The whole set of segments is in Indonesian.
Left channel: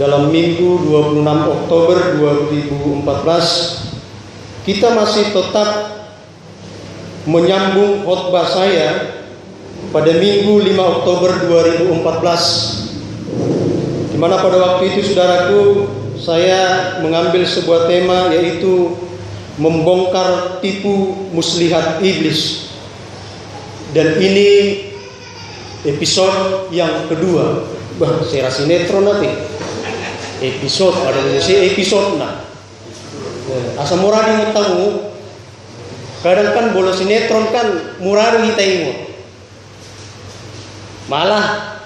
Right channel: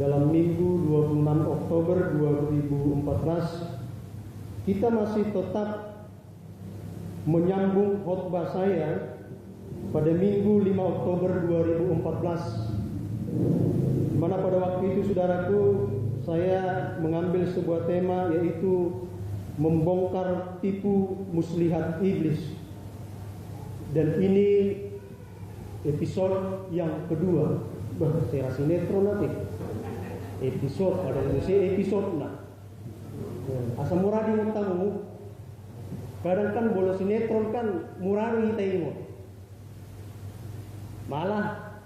dalam Minggu 26 Oktober 2014, kita masih tetap menyambung khotbah saya pada Minggu 5 Oktober 2014, di mana pada waktu itu saudaraku, saya mengambil sebuah tema, yaitu membongkar tipu muslihat iblis. Dan ini episode yang kedua. Saya rasa sinetron nanti. Episode ada episode nah. Asa murah di tamu. Kadang kan bola sinetron kan murah kita ingat. Malah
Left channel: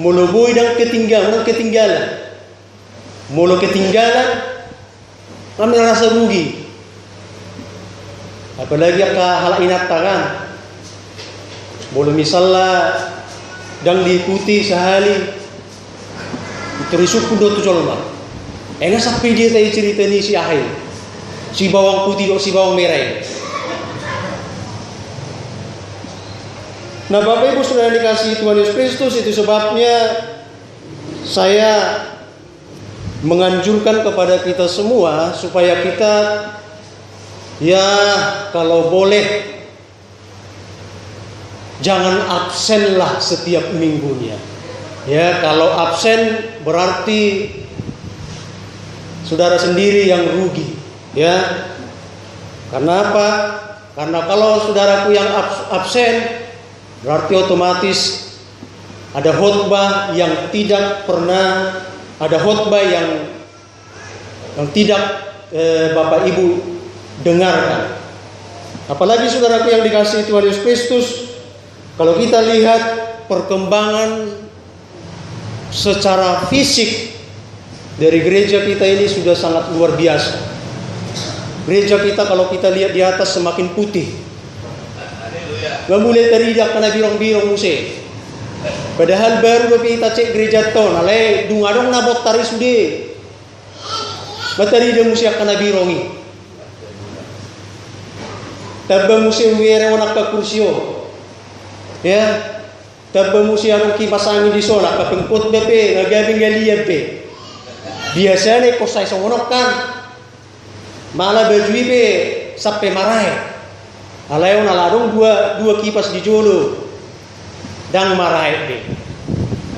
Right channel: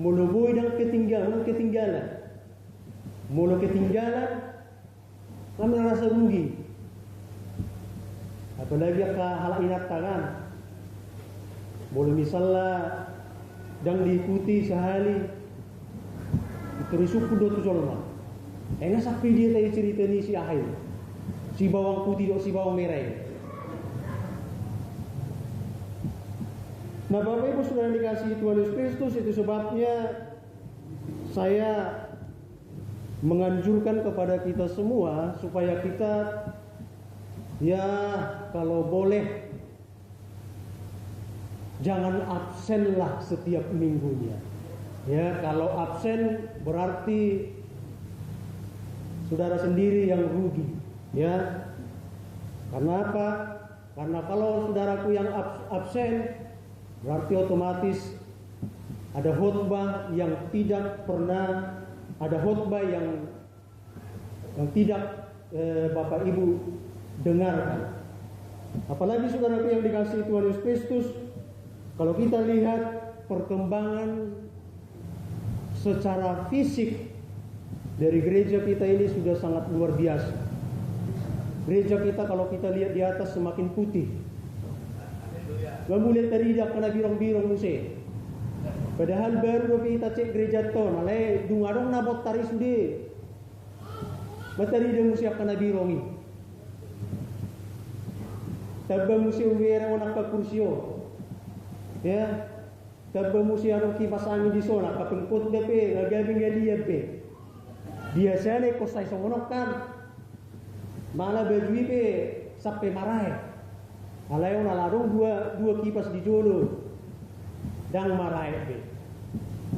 mulubui dan ketinggalan. Mulu ketinggalan, kami rasa rugi. Apalagi hal inata kan. Mulu misalnya dan diikuti sehari itu risuk kudo tu colma. Enggak sampai dia tadi cerita ni si Ahil, si bawang putih atau si bawang merah ini. Nah, Bapak Ibu sudah dikasih Tuhan Yesus Kristus, itu sebabnya saya menganjurkan kepada kita semua supaya kita, ya kalau boleh, jangan absenlah setiap minggunya. Ya, kalau absen berarti saudara sendiri yang rugi. Ya, karena apa? Karena kalau saudaraku yang absen, berarti otomatis ada khotbah yang tidak pernah, ada khotbah yang tidak Bapak Ibu dengarkan. Apalagi saudaraku yang dikasihi Tuhan Yesus Kristus, kalau kita lihat perkembangan secara fisik dari gereja kita ini sudah sangat luar biasa. Gereja kita kalau kita lihat di atas semakin putih. Gak mulai teridak karena birong-birong musik. Padahal baru kita cek gereja ton, alai dungadong nabot tari sude. Matari dia musik karena birongi. Tabang musik wira wanak ka kursio. Ya, tabang musik arong kipas angin di sola kapengkot bepe ngagabing galian pe. Biasanya kosay songonok kan. Malah baju be sampai marai. Alayon aladong dua kipas di jolo. Dang marai be.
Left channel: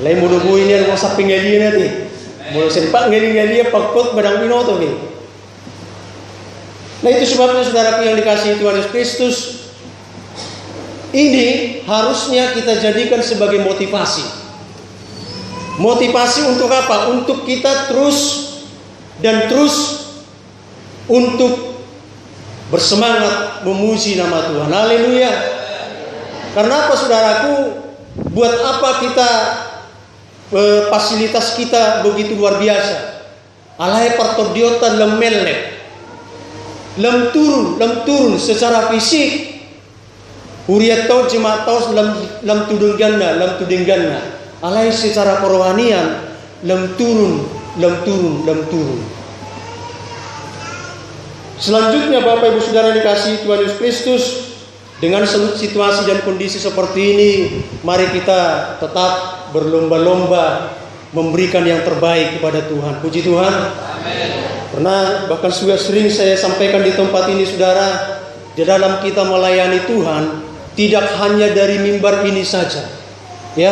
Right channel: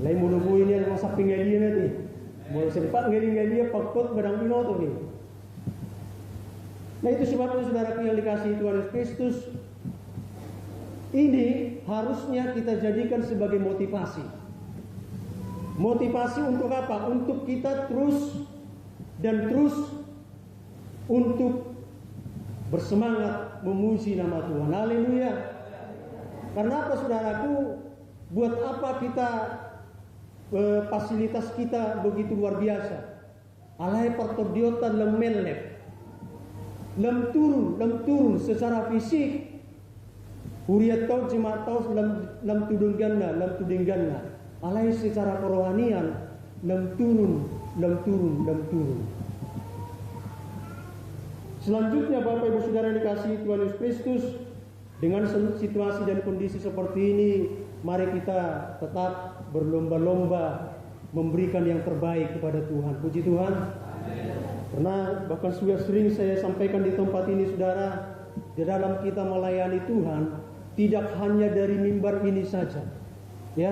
Alay mudo bu ini ada sampai galian nanti. Mudo sempak galian pagkot badang pinoto be. Nah, itu sebabnya saudaraku yang dikasihi Tuhan Yesus Kristus, ini harusnya kita jadikan sebagai motivasi. Motivasi untuk apa? Untuk kita terus untuk bersemangat memuji nama Tuhan. Haleluya. Karena apa saudaraku? Buat apa kita fasilitas kita begitu luar biasa? Alai partodiota lemelek. Lem turun secara fisik. Huriat tau jemaat tau lem tudengganna. Alai secara kerohanian lem turun. Selanjutnya Bapak Ibu Saudara dikasihi Tuhan Yesus Kristus, dengan situasi dan kondisi seperti ini, mari kita tetap berlomba-lomba memberikan yang terbaik kepada Tuhan. Puji Tuhan. Amin. Karena bahkan sudah sering saya sampaikan di tempat ini saudara, di dalam kita melayani Tuhan tidak hanya dari mimbar ini saja. Ya,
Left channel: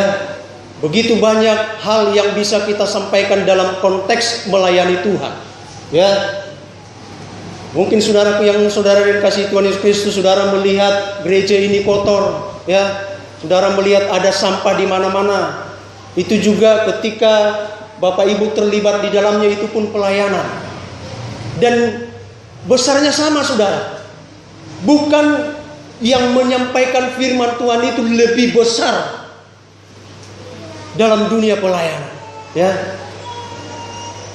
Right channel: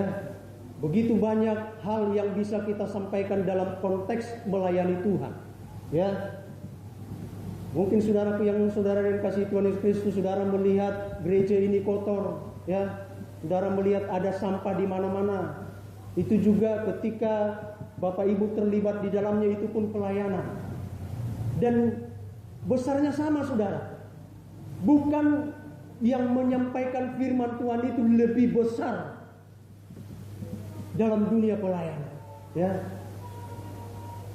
begitu banyak hal yang bisa kita sampaikan dalam konteks melayani Tuhan. Ya, mungkin saudaraku yang saudara dikasihi Tuhan Yesus Kristus, saudara melihat gereja ini kotor, ya, saudara melihat ada sampah di mana-mana. Itu juga ketika Bapak Ibu terlibat di dalamnya, itu pun pelayanan. Dan besarnya sama saudara. Bukan yang menyampaikan firman Tuhan itu lebih besar dalam dunia pelayanan. Ya.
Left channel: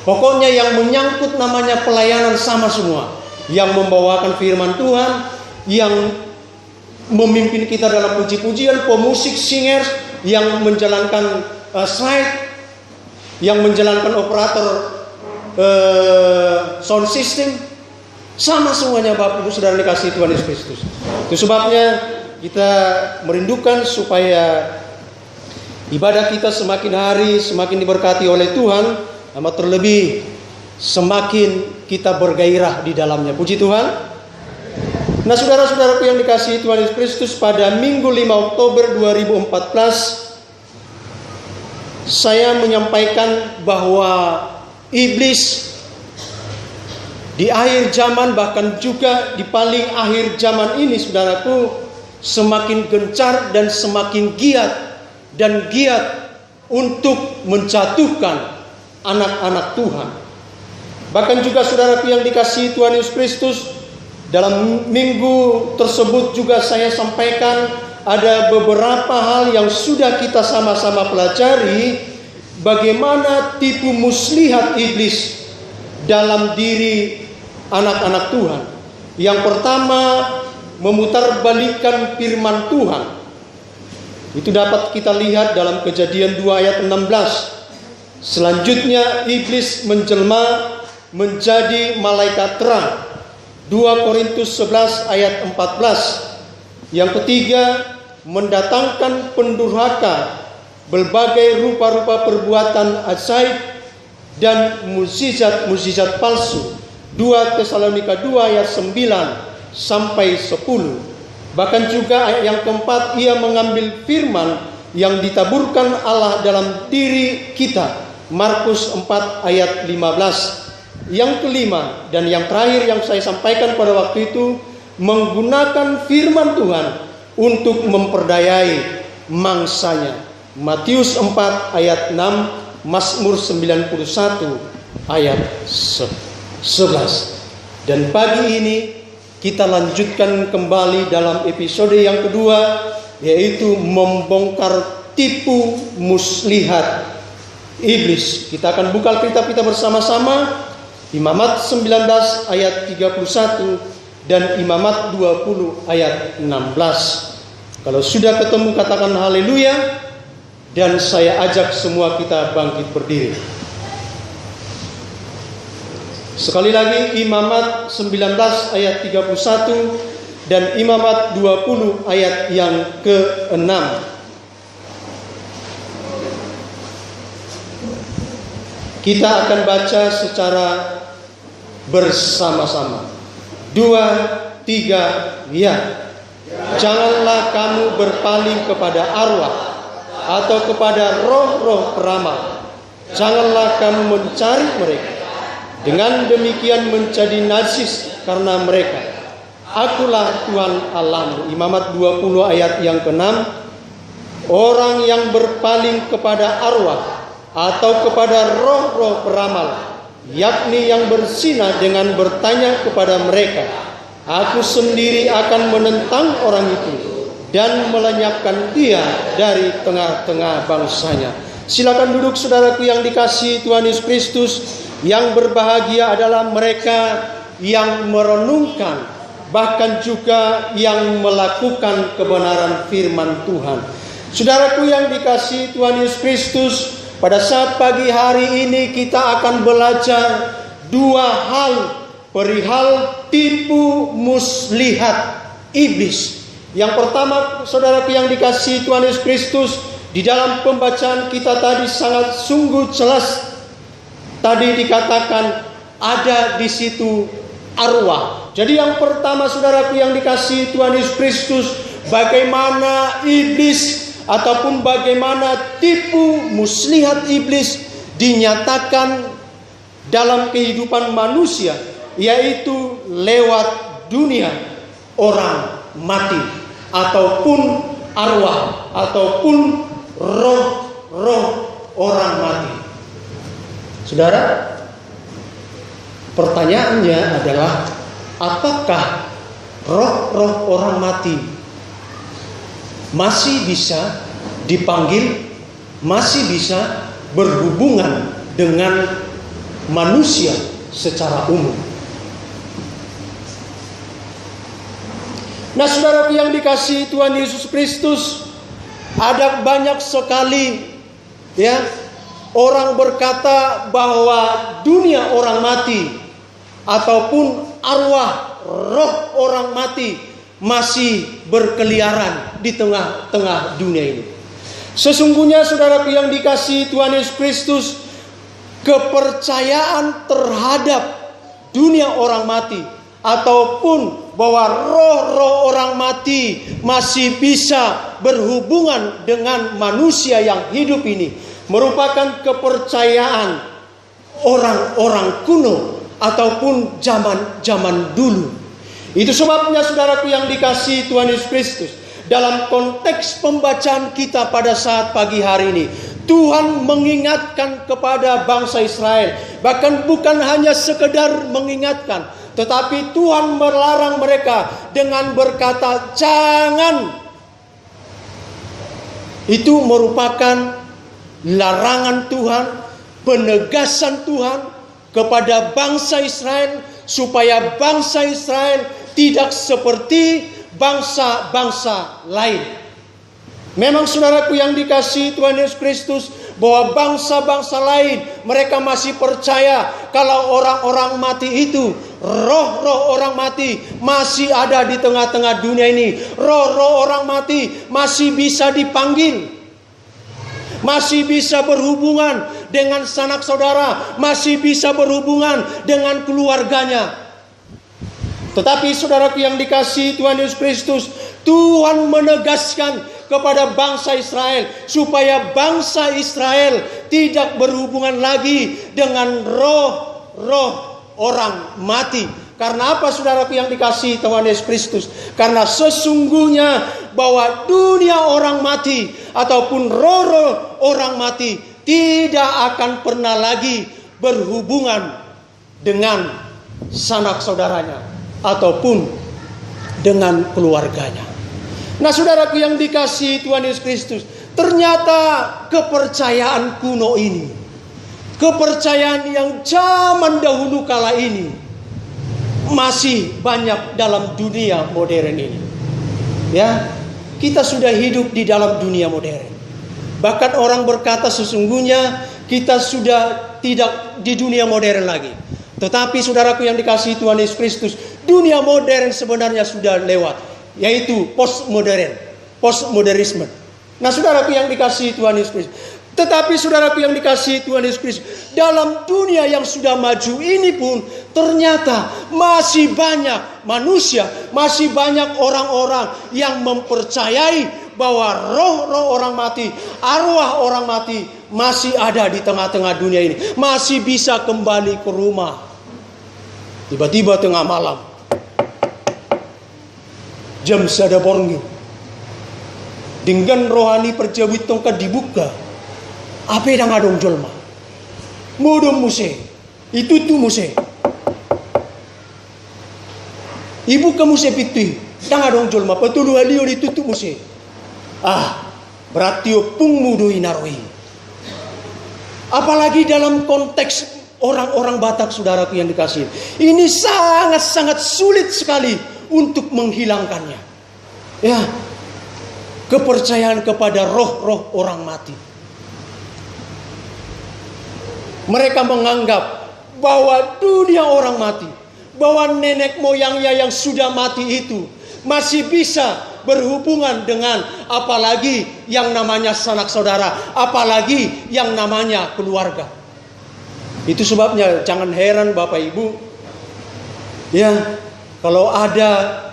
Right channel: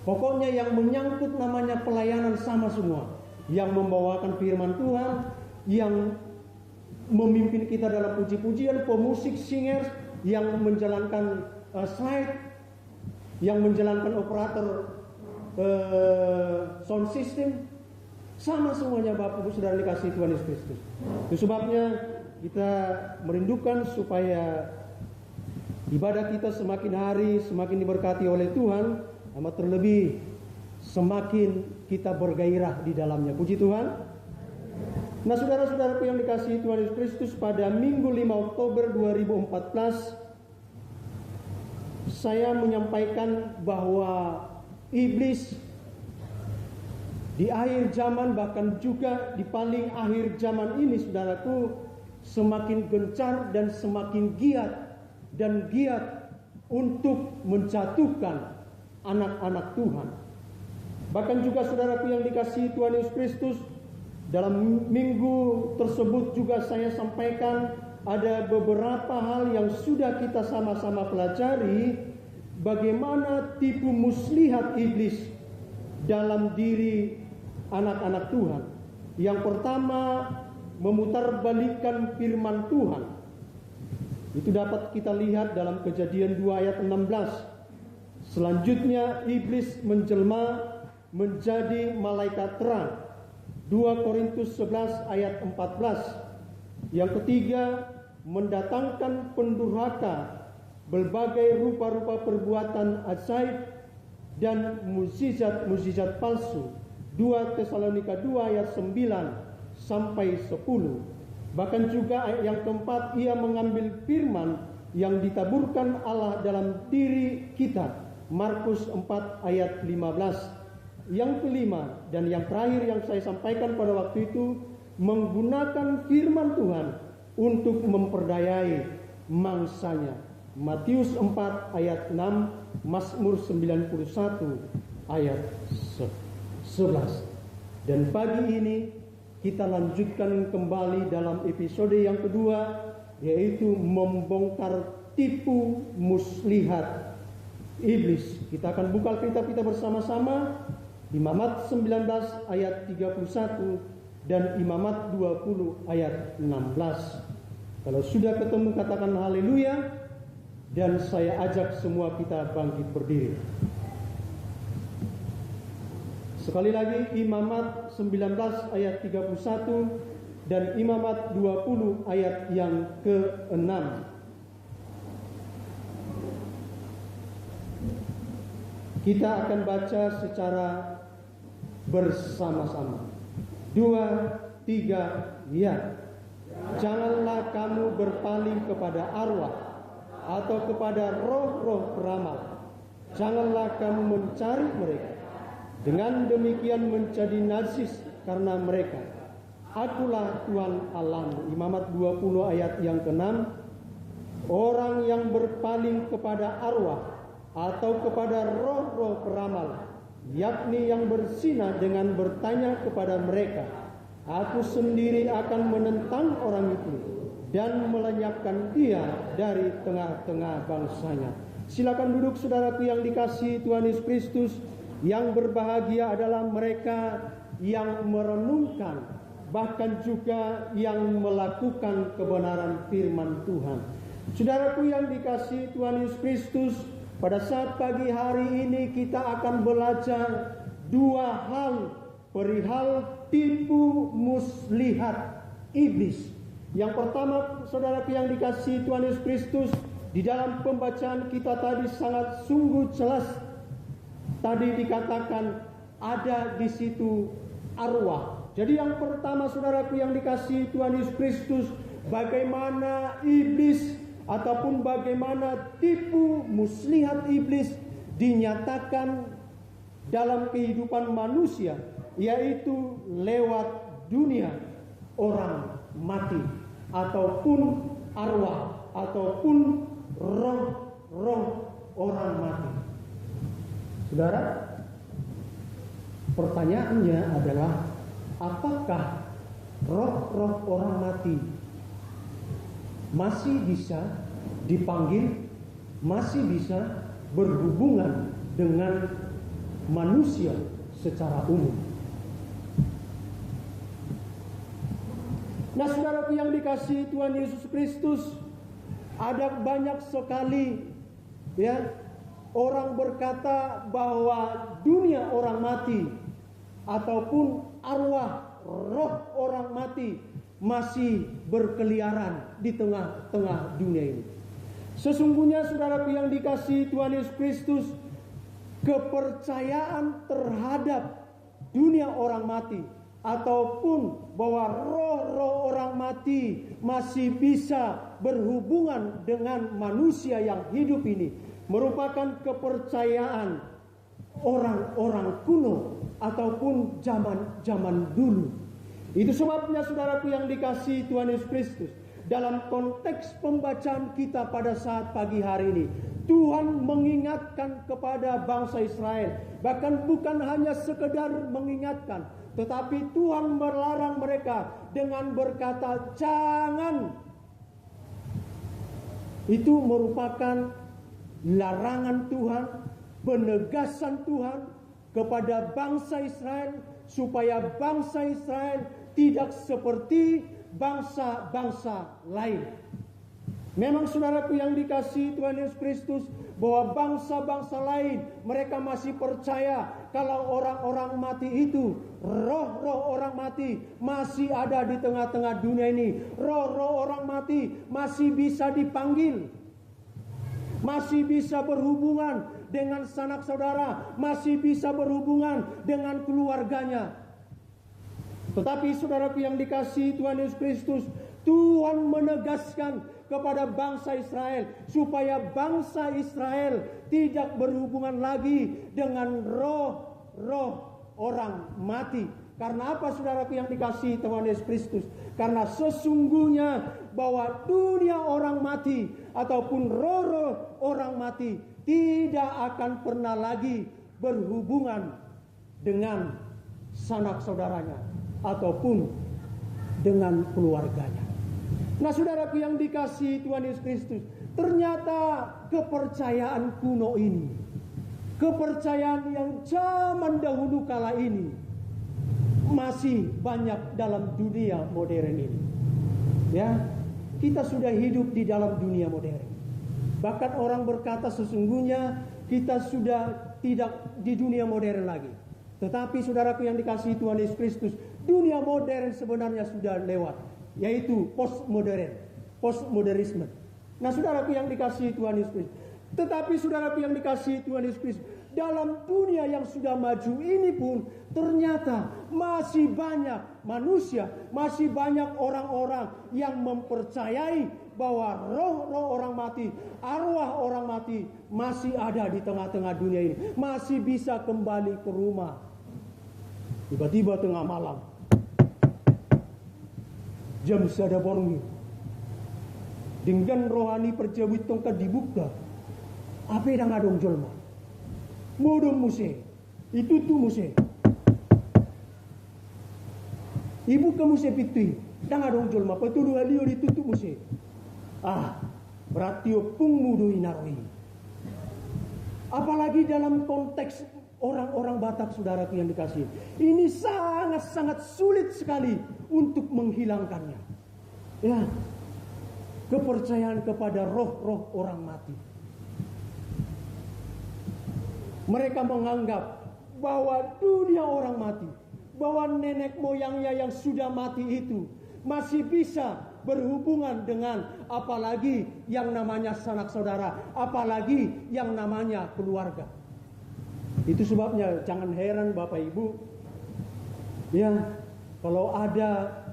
Pokoknya yang menyangkut namanya pelayanan sama semua. Yang membawakan firman Tuhan, yang memimpin kita dalam puji-pujian, pemusik, singers, yang menjalankan slide, yang menjalankan operator sound system, sama semuanya Bapak Ibu Saudara dikasihi Tuhan Yesus Kristus. Itu sebabnya kita merindukan supaya ibadah kita semakin hari semakin diberkati oleh Tuhan. Amat terlebih semakin kita bergairah di dalamnya. Puji Tuhan. Nah, saudara-saudaraku yang dikasihi Tuhan Yesus Kristus, pada Minggu 5 Oktober 2014 saya menyampaikan bahwa iblis di akhir zaman, bahkan juga di paling akhir zaman ini, saudaraku, semakin gencar dan semakin giat untuk menjatuhkan anak-anak Tuhan. Bahkan juga saudaraku yang dikasihi Tuhan Yesus Kristus, dalam minggu tersebut juga saya sampaikan ada beberapa hal yang sudah kita sama-sama pelajari, bagaimana tipu muslihat iblis dalam diri anak-anak Tuhan. Yang pertama, memutarbalikkan firman Tuhan. Itu dapat kita lihat dalam Kejadian 2 ayat 16. Selanjutnya iblis menjelma menjadi malaikat terang. 2 Korintus 11 ayat 14. Yang ketiga, mendatangkan pendurhaka, berbagai rupa-rupa perbuatan ajaib dan mukjizat palsu. 2 Tesalonika 2 ayat 9 sampai 10. Bahkan juga ayat yang keempat, ia mengambil firman yang ditaburkan Allah dalam diri kita. Markus 4 ayat 15. Yang kelima dan yang terakhir yang saya sampaikan pada waktu itu, menggunakan firman Tuhan untuk memperdayai mangsanya. Matius 4 ayat 6, Mazmur 91 ayat 11. Dan pagi ini kita lanjutkan kembali dalam episode yang kedua, yaitu membongkar tipu muslihat iblis. Kita akan buka Alkitab kita bersama-sama, Imamat 19 ayat 31 dan Imamat 20 ayat 16. Kalau sudah ketemu katakan haleluya, dan saya ajak semua kita bangkit berdiri. Sekali lagi, Imamat 19 ayat 31 dan Imamat 20 ayat yang ke-6. Kita akan baca secara bersama-sama. 2, 3, ya. Janganlah kamu berpaling kepada arwah atau kepada roh-roh peramal. Janganlah kamu mencari mereka. Dengan demikian menjadi najis karena mereka. Akulah Tuhan Allahmu. Imamat 20 ayat yang ke-6. Orang yang berpaling kepada arwah atau kepada roh-roh peramal, yakni yang berzina dengan bertanya kepada mereka, aku sendiri akan menentang orang itu dan melenyapkan dia dari tengah-tengah bangsanya. Silakan duduk saudaraku yang dikasihi Tuhan Yesus Kristus. Yang berbahagia adalah mereka yang merenungkan, bahkan juga yang melakukan kebenaran firman Tuhan. Saudaraku yang dikasihi Tuhan Yesus Kristus, pada saat pagi hari ini kita akan belajar dua hal perihal tipu muslihat iblis. Yang pertama, saudaraku yang dikasihi Tuhan Yesus Kristus, di dalam pembacaan kita tadi sangat sungguh jelas. Tadi dikatakan ada di situ arwah. Jadi yang pertama, saudaraku yang dikasihi Tuhan Yesus Kristus, bagaimana iblis ataupun bagaimana tipu muslihat iblis dinyatakan dalam kehidupan manusia, yaitu lewat dunia orang mati ataupun arwah ataupun roh-roh orang mati. Saudara, pertanyaannya adalah, apakah roh-roh orang mati masih bisa dipanggil, masih bisa berhubungan dengan manusia secara umum? Nah, saudaraku yang dikasihi Tuhan Yesus Kristus, ada banyak sekali orang berkata bahwa dunia orang mati ataupun arwah roh orang mati masih berkeliaran di tengah-tengah dunia ini. Sesungguhnya saudaraku yang dikasihi Tuhan Yesus Kristus, kepercayaan terhadap dunia orang mati, ataupun bahwa roh-roh orang mati masih bisa berhubungan dengan manusia yang hidup ini, merupakan kepercayaan orang-orang kuno ataupun zaman dulu. Itu sebabnya saudaraku yang dikasihi Tuhan Yesus Kristus, dalam konteks pembacaan kita pada saat pagi hari ini, Tuhan mengingatkan kepada bangsa Israel. Bahkan bukan hanya sekedar mengingatkan, tetapi Tuhan melarang mereka dengan berkata, jangan. Itu merupakan larangan Tuhan, penegasan Tuhan kepada bangsa Israel, supaya bangsa Israel tidak seperti bangsa-bangsa lain. Memang saudaraku yang dikasihi Tuhan Yesus Kristus, bahwa bangsa-bangsa lain mereka masih percaya kalau orang-orang mati itu, roh-roh orang mati masih ada di tengah-tengah dunia ini. Roh-roh orang mati masih bisa dipanggil, masih bisa berhubungan dengan sanak saudara, masih bisa berhubungan dengan keluarganya. Tetapi saudaraku yang dikasihi Tuhan Yesus Kristus, Tuhan menegaskan kepada bangsa Israel supaya bangsa Israel tidak berhubungan lagi dengan roh-roh orang mati. Karena apa saudaraku yang dikasihi Tuhan Yesus Kristus? Karena sesungguhnya bahwa dunia orang mati ataupun roh-roh orang mati tidak akan pernah lagi berhubungan dengan sanak saudaranya ataupun dengan keluarganya. Nah saudaraku yang dikasihi Tuhan Yesus Kristus, ternyata kepercayaan kuno ini, kepercayaan yang zaman dahulu kala ini, masih banyak dalam dunia modern ini. Ya, kita sudah hidup di dalam dunia modern. Bahkan orang berkata sesungguhnya kita sudah tidak di dunia modern lagi. Tetapi saudaraku yang dikasihi Tuhan Yesus Kristus, dunia modern sebenarnya sudah lewat, yaitu postmodernisme. Nah saudaraku yang dikasihi Tuhan Yesus Kristus, tetapi saudaraku yang dikasihi Tuhan Yesus Kristus, dalam dunia yang sudah maju ini pun ternyata masih banyak manusia, masih banyak orang-orang yang mempercayai bahwa roh-roh orang mati, arwah orang mati masih ada di tengah-tengah dunia ini, masih bisa kembali ke rumah. Tiba-tiba tengah malam, jam sada borngi, dengan rohani perjawit tongkat dibuka, apa yang ngadong jolma, modom muse, itu tuh muse, ibu kamu sepiti, dah ngadong jolma, petulu halio ditutup muse, berarti opung mudo inaroi. Apalagi dalam konteks orang-orang Batak saudaraku yang dikasihi, ini sangat-sangat sulit sekali untuk menghilangkannya. Ya, kepercayaan kepada roh-roh orang mati. Mereka menganggap bahwa dunia orang mati, bahwa nenek moyangnya yang sudah mati itu masih bisa berhubungan dengan apalagi yang namanya sanak saudara, apalagi yang namanya keluarga. Itu sebabnya jangan heran Bapak Ibu, ya, kalau ada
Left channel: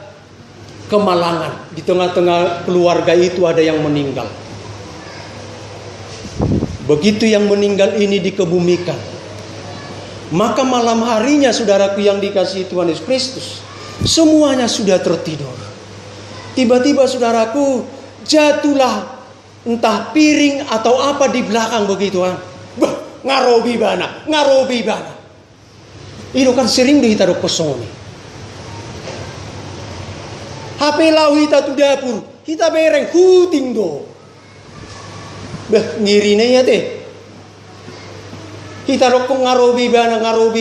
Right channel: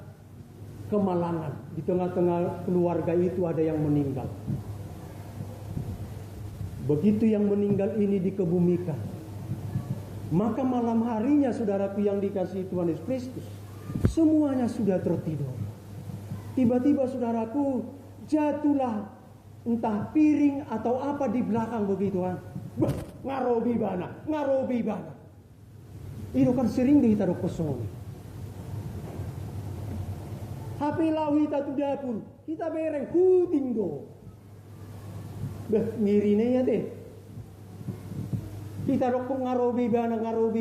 kemalangan di tengah-tengah keluarga itu ada yang meninggal. Begitu yang meninggal ini dikebumikan, maka malam harinya saudaraku yang dikasihi Tuhan Yesus Kristus, semuanya sudah tertidur. Tiba-tiba saudaraku jatuhlah entah piring atau apa di belakang begitu. Ngarobi bana. Itu kan sering dihitaruh kosong nih. HP lau hita tu dapur, kita bereng huting do. Ngirine ya teh. Kita rokong ngarobi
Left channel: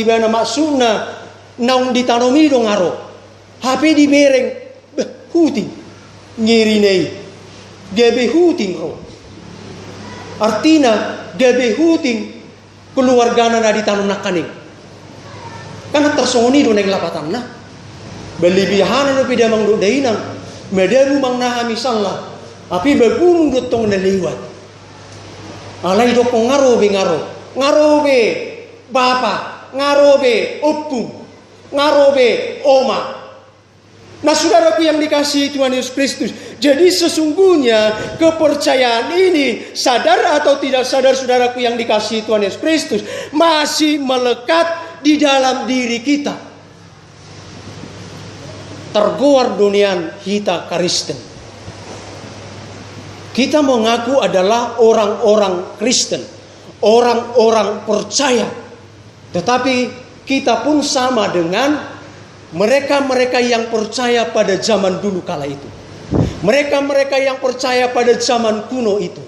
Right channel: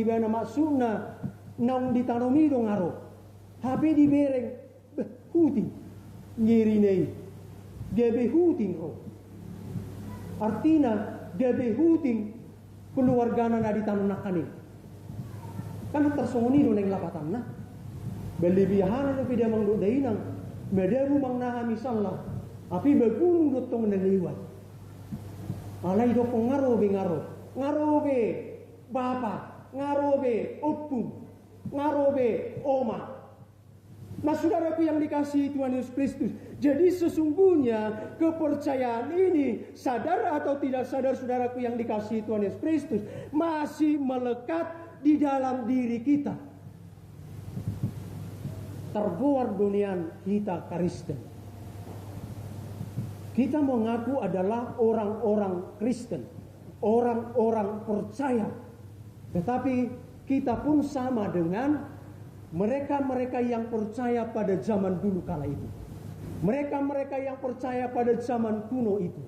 bana maksudna naung ditanomi do ngaro. HP di bereng huting. Ngirine gebe huting ro. Artinya gebe huting keluargana na ditanong na kaning. Karena tersongoni do neng lapatan na. Belibihanan no pida mang do dainang. Medaru mang naha misallah. Api bagumong do tong naliwat. Alay do kong ngarobe. bapa, ngarobe opung, ngarobe oma. Nah saudaraku yang dikasihi Tuhan Yesus Kristus, jadi sesungguhnya kepercayaan ini, sadar atau tidak sadar saudaraku yang dikasihi Tuhan Yesus Kristus, masih melekat di dalam diri kita. Tergoar dunian hita Kristen. Kita mengaku adalah orang-orang Kristen, orang-orang percaya. Tetapi kita pun sama dengan mereka-mereka yang percaya pada zaman dulu kala itu. Mereka-mereka yang percaya pada zaman kuno itu.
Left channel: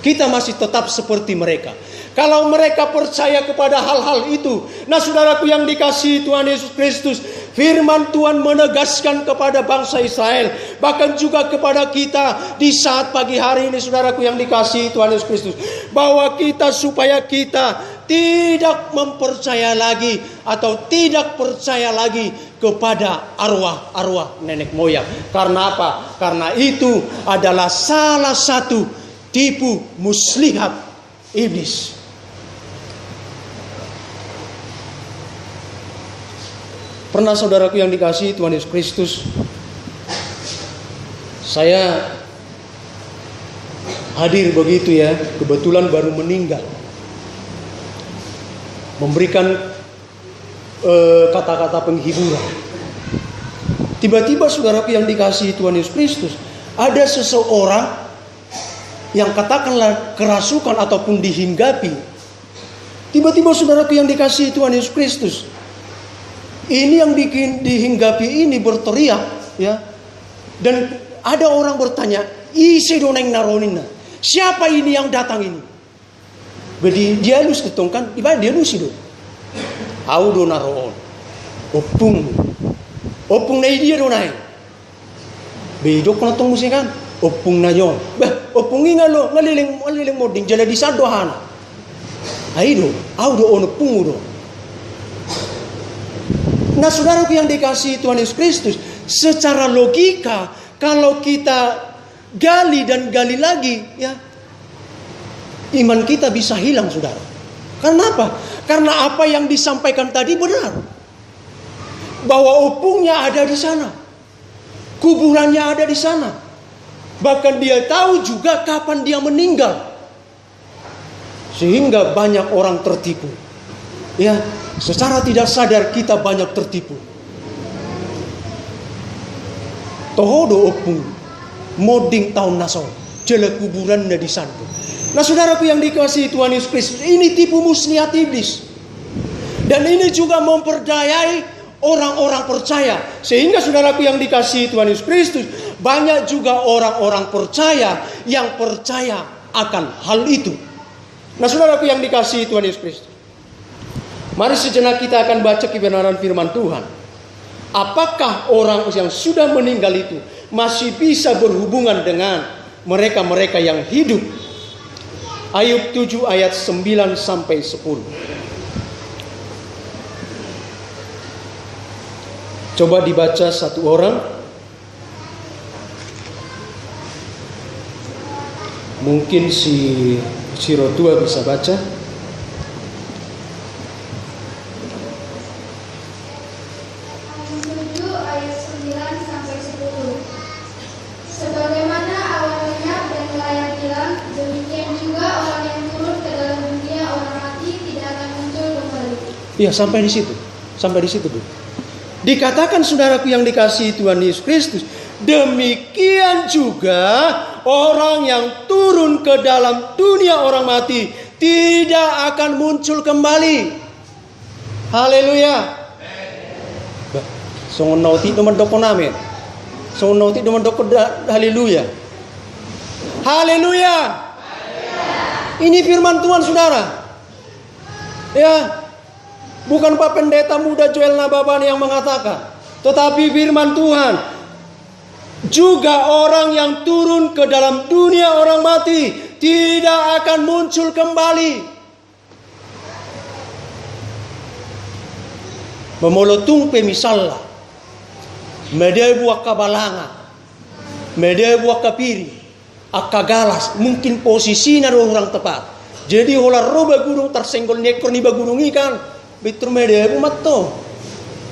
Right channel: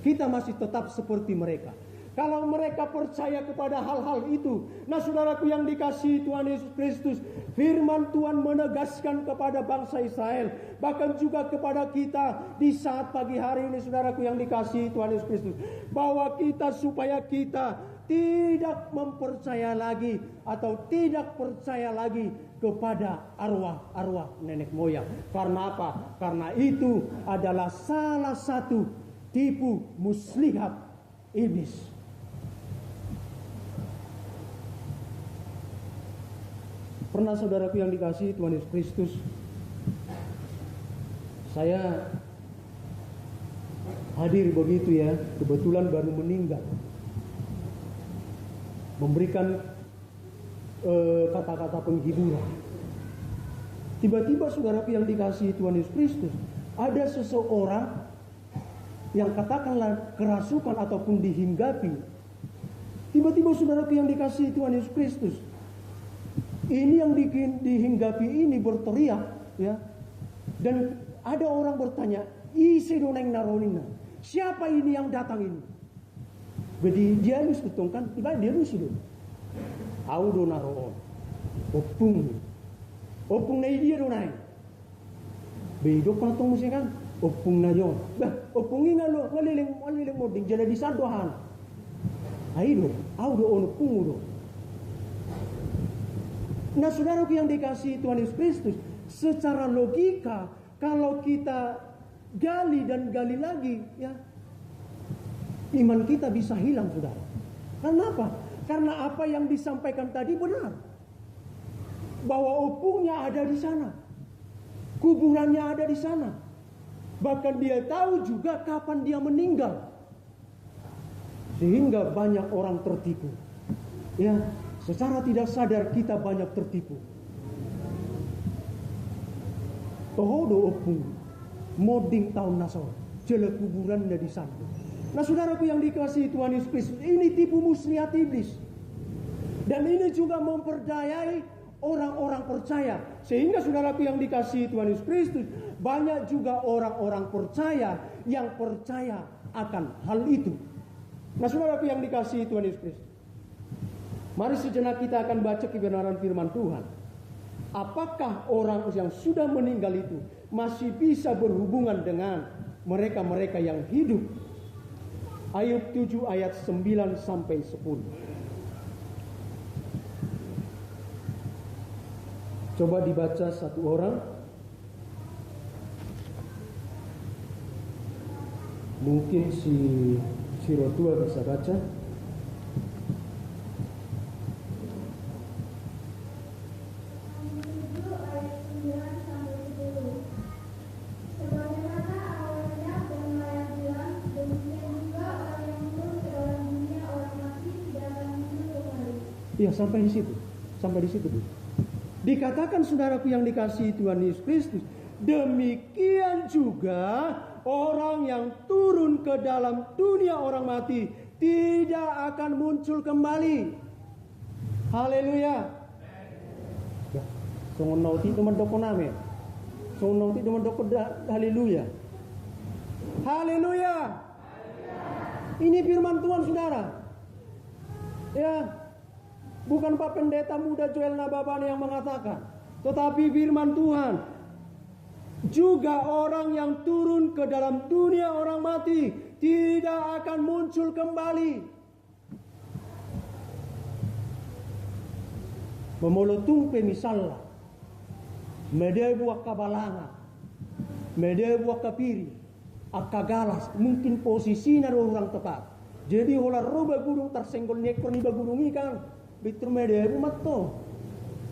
Kita masih tetap seperti mereka. Kalau mereka percaya kepada hal-hal itu. Nah saudaraku yang dikasihi Tuhan Yesus Kristus, firman Tuhan menegaskan kepada bangsa Israel, bahkan juga kepada kita di saat pagi hari ini saudaraku yang dikasihi Tuhan Yesus Kristus, bahwa kita supaya kita tidak mempercaya lagi atau tidak percaya lagi kepada arwah-arwah nenek moyang. Karena apa? Karena itu adalah salah satu tipu muslihat iblis. Pernah saudaraku yang dikasihi Tuhan Yesus Kristus, saya hadir begitu ya, kebetulan baru meninggal, memberikan kata-kata penghiburan. Tiba-tiba saudaraku yang dikasihi Tuhan Yesus Kristus, ada seseorang yang katakanlah kerasukan ataupun dihinggapi. Tiba-tiba saudaraku yang dikasihi Tuhan Yesus Kristus, ini yang dihinggapi ini berteriak ya. Dan ada orang bertanya, "Ise doneng naronina." Siapa ini yang datang ini? Jadi dia lus ditongkan, ibarat dia lus itu. Au do naroon. Opung na dia do nai. Bedok na tong musikan. Opung na yon. Bah, opungi nga lo, ngaliling moding jala di sadohana. Aido, au do ono pungudo. Nah saudaraku yang dikasihi Tuhan Yesus Kristus, secara logika kalau kita gali dan gali lagi ya, iman kita bisa hilang saudara. Karena apa? Karena apa yang disampaikan tadi benar. Bahwa opungnya ada di sana. Kuburannya ada di sana. Bahkan dia tahu juga kapan dia meninggal. Sehingga banyak orang tertipu. Ya, secara tidak sadar kita banyak tertipu. Tohodo opung moding tahun naso, jele kuburan di sana. Nah saudaraku yang dikasihi Tuhan Yesus Kristus, ini tipu muslihat iblis. Dan ini juga memperdayai orang-orang percaya. Sehingga saudaraku yang dikasihi Tuhan Yesus Kristus, banyak juga orang-orang percaya yang percaya akan hal itu. Nah saudaraku yang dikasihi Tuhan Yesus Kristus, mari sejenak kita akan baca kebenaran firman Tuhan. Apakah orang yang sudah meninggal itu masih bisa berhubungan dengan mereka-mereka yang hidup? Ayub 7 ayat 9 sampai 10. Coba dibaca satu orang. Mungkin si Rotua bisa baca. Iya, sampai di situ. Sampai di situ, Bu. Dikatakan saudaraku yang dikasihi Tuhan Yesus Kristus, demikian juga orang yang turun ke dalam dunia orang mati tidak akan muncul kembali. Haleluya. Songon nauti teman doko name. Songon nauti teman doko haleluya. Haleluya. Ini firman Tuhan saudara. Ya. Bukan Pak Pendeta Muda Joel Nababan yang mengatakan, tetapi firman Tuhan. Juga orang yang turun ke dalam dunia orang mati tidak akan muncul kembali. Memolotung pemisalla. Media buah kabalanga. Media buah kapiri. Akagalas. Mungkin posisinya orang tepat. Jadi hola roba gurung tersenggol nekor ni bagurung ikan. Bitur mede umat to.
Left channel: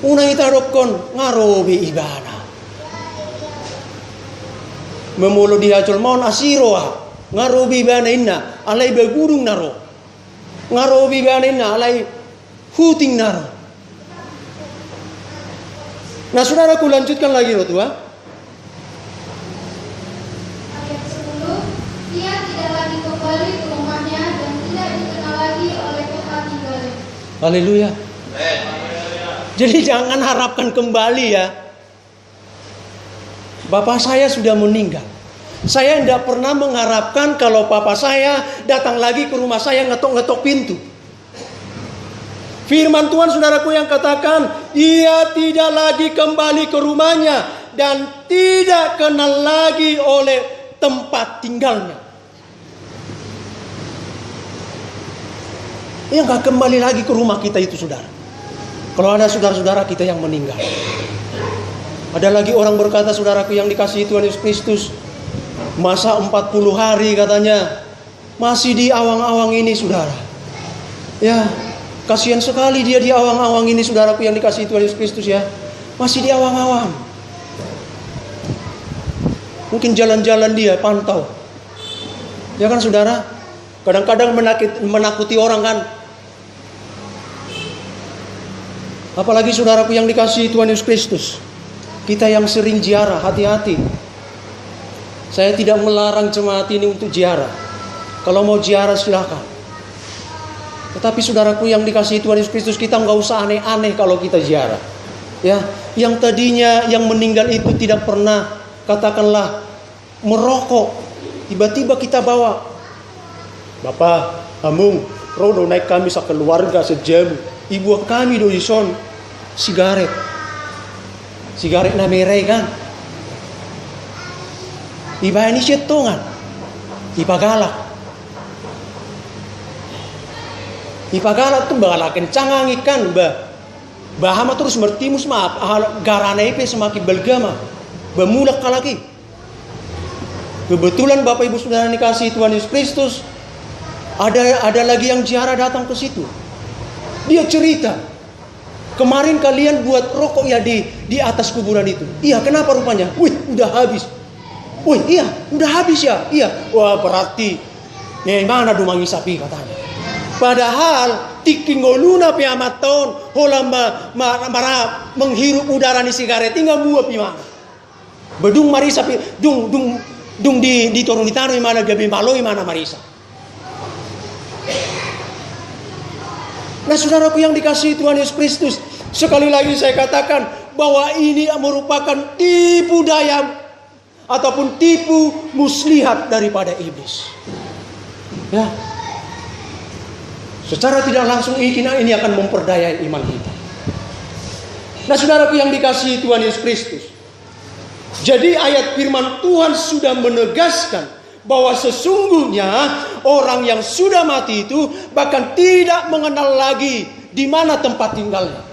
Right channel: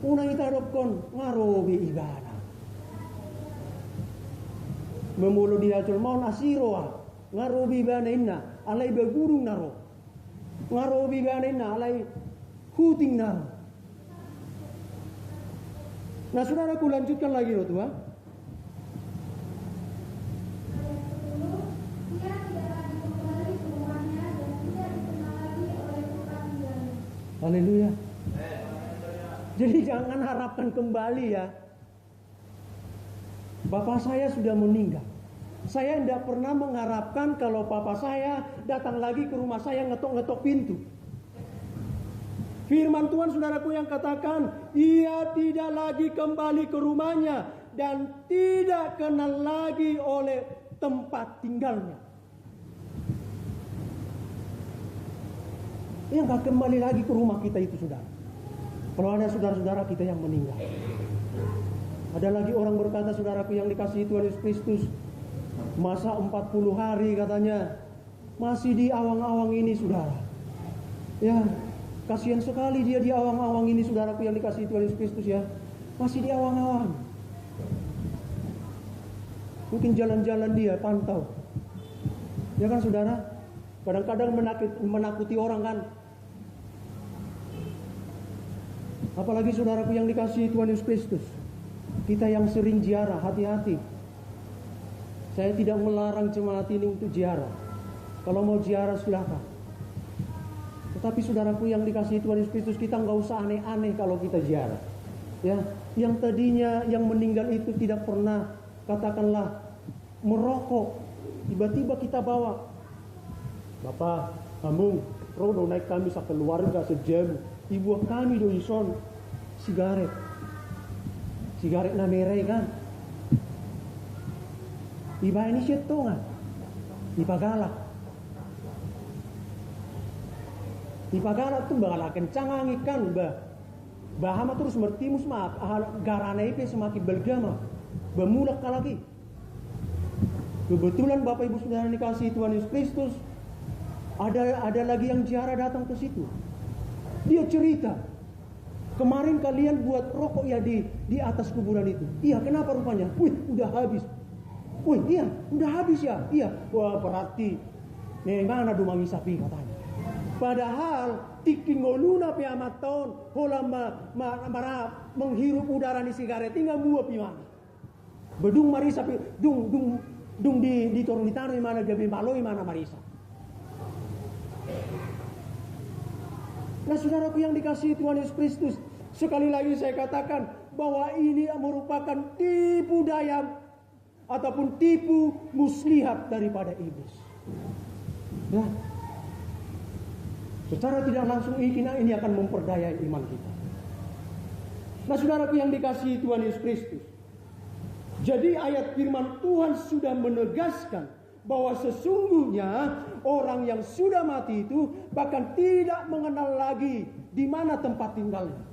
Unang itarokon ngarobi ibana. Memulo dihajol maun asiroa. Ngarobi ibana inna alai bagurung naro. Ngarobi ibana inna alai huting naro. Nah, saudaraku lanjutkan lagi loh tua. Ayat 10, dia tidak lagi kembali ke rumahnya dan tidak dikenal lagi oleh tempat tinggalnya. Haleluya. Jadi jangan harapkan kembali ya. Bapak saya sudah meninggal. Saya tidak pernah mengharapkan kalau papa saya datang lagi ke rumah saya ngetok-ngetok pintu. Firman Tuhan saudaraku yang katakan, ia tidak lagi kembali ke rumahnya dan tidak kenal lagi oleh tempat tinggalnya. Ia nggak kembali lagi ke rumah kita itu saudara. Kalau ada saudara-saudara kita yang meninggal. Ada lagi orang berkata saudaraku yang dikasihi Tuhan Yesus Kristus, masa 40 hari katanya masih di awang-awang ini saudara. Ya. Kasihan sekali dia di awang-awang ini saudaraku yang dikasihi Tuhan Yesus Kristus ya. Masih di awang-awang. Mungkin jalan-jalan dia pantau. Ya kan saudara? Kadang-kadang menakuti orang kan. Apalagi saudaraku yang dikasihi Tuhan Yesus Kristus. Kita yang sering ziarah, hati-hati. Saya tidak melarang jemaat ini untuk ziarah. Kalau mau ziarah silakan. Tetapi saudaraku yang dikasihi Tuhan Yesus Kristus, kita nggak usah aneh-aneh kalau kita ziarah. Ya, yang tadinya yang meninggal itu tidak pernah katakanlah merokok, tiba-tiba kita bawa, Bapak, Amung, rodo naik kami sekeluarga sejam, ibu kami do ison sigaret na merah kan, iba ini setongan, iba galak. Ipagalat tuh bakal kencang ikan bahama terus bertimus maaf garana ipe semakin belgama bemulak lagi. Kebetulan Bapak Ibu Saudara dikasihi Tuhan Yesus Kristus, ada lagi yang ziarah datang ke situ. Dia cerita, kemarin kalian buat rokok ya di atas kuburan itu. Iya, kenapa rupanya? Wih, udah habis. Wih, iya, udah habis ya. Iya, wah berarti nih mana dumangi sapi katanya. Padahal tikingoluna pi amat tahun hola mara menghirup udara ni sigaret tinggal buah pi mana. Bedung marisa pi dung di torun ditano mana gabi maloi mana marisa. Nah, saudaraku yang dikasihi Tuhan Yesus Kristus, sekali lagi saya katakan bahwa ini merupakan tipu daya ataupun tipu muslihat daripada iblis. Ya. Secara tidak langsung ini akan memperdayai iman kita. Nah, saudaraku yang dikasihi Tuhan Yesus Kristus. Jadi ayat firman Tuhan sudah menegaskan bahwa sesungguhnya orang yang sudah mati itu bahkan tidak mengenal lagi di mana tempat tinggalnya.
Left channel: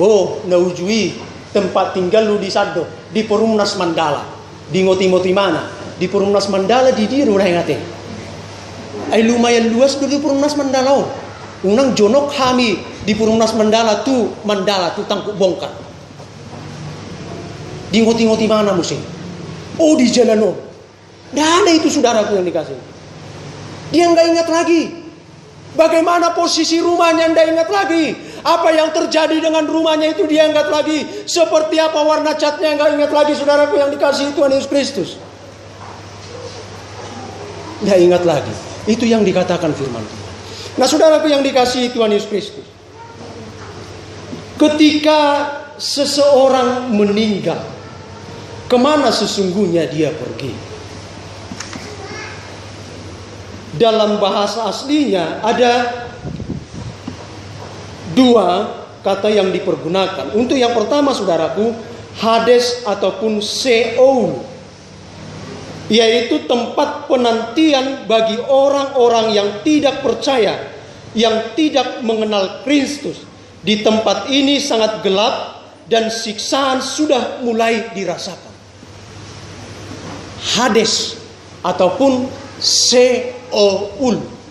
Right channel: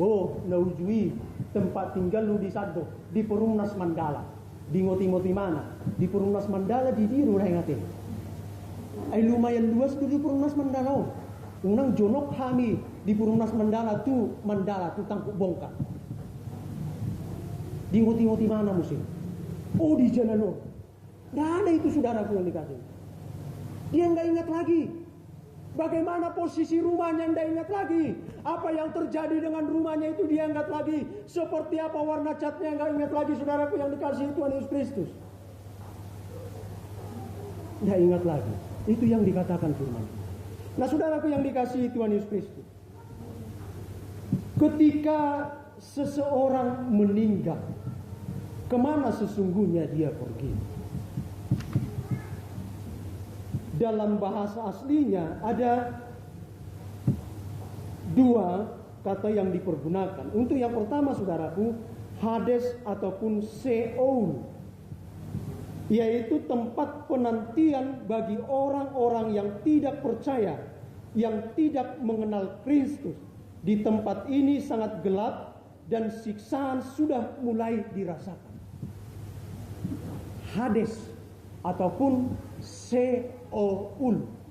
Oh, naujui tempat tinggal lu di Sado, di Perumnas Mandala. Di ngoti-ngoti mana? Di Perumnas Mandala di diru lah ingatnya. Ay lumayan luas di Perumnas Mandala. Unang jonok kami di Perumnas Mandala tu tangkuk bongkar. Di ngoti-ngoti mana musim? Oh, di jalan. Dah ada itu saudaraku yang dikasih. Dia nggak ingat lagi. Bagaimana posisi rumahnya nggak ingat lagi. Apa yang terjadi dengan rumahnya itu dia ingat lagi. Seperti apa warna catnya nggak ingat lagi saudaraku yang dikasih Tuhan Yesus Kristus. Nggak ingat lagi. Itu yang dikatakan firman Tuhan. Nah, saudaraku yang dikasihi Tuhan Yesus Kristus, ketika seseorang meninggal, kemana sesungguhnya dia pergi? Dalam bahasa aslinya ada dua kata yang dipergunakan. Untuk yang pertama saudaraku, Hades ataupun Sheol, yaitu tempat penantian bagi orang-orang yang tidak percaya, yang tidak mengenal Kristus. Di tempat ini sangat gelap dan siksaan sudah mulai dirasakan. Hades ataupun Sheol.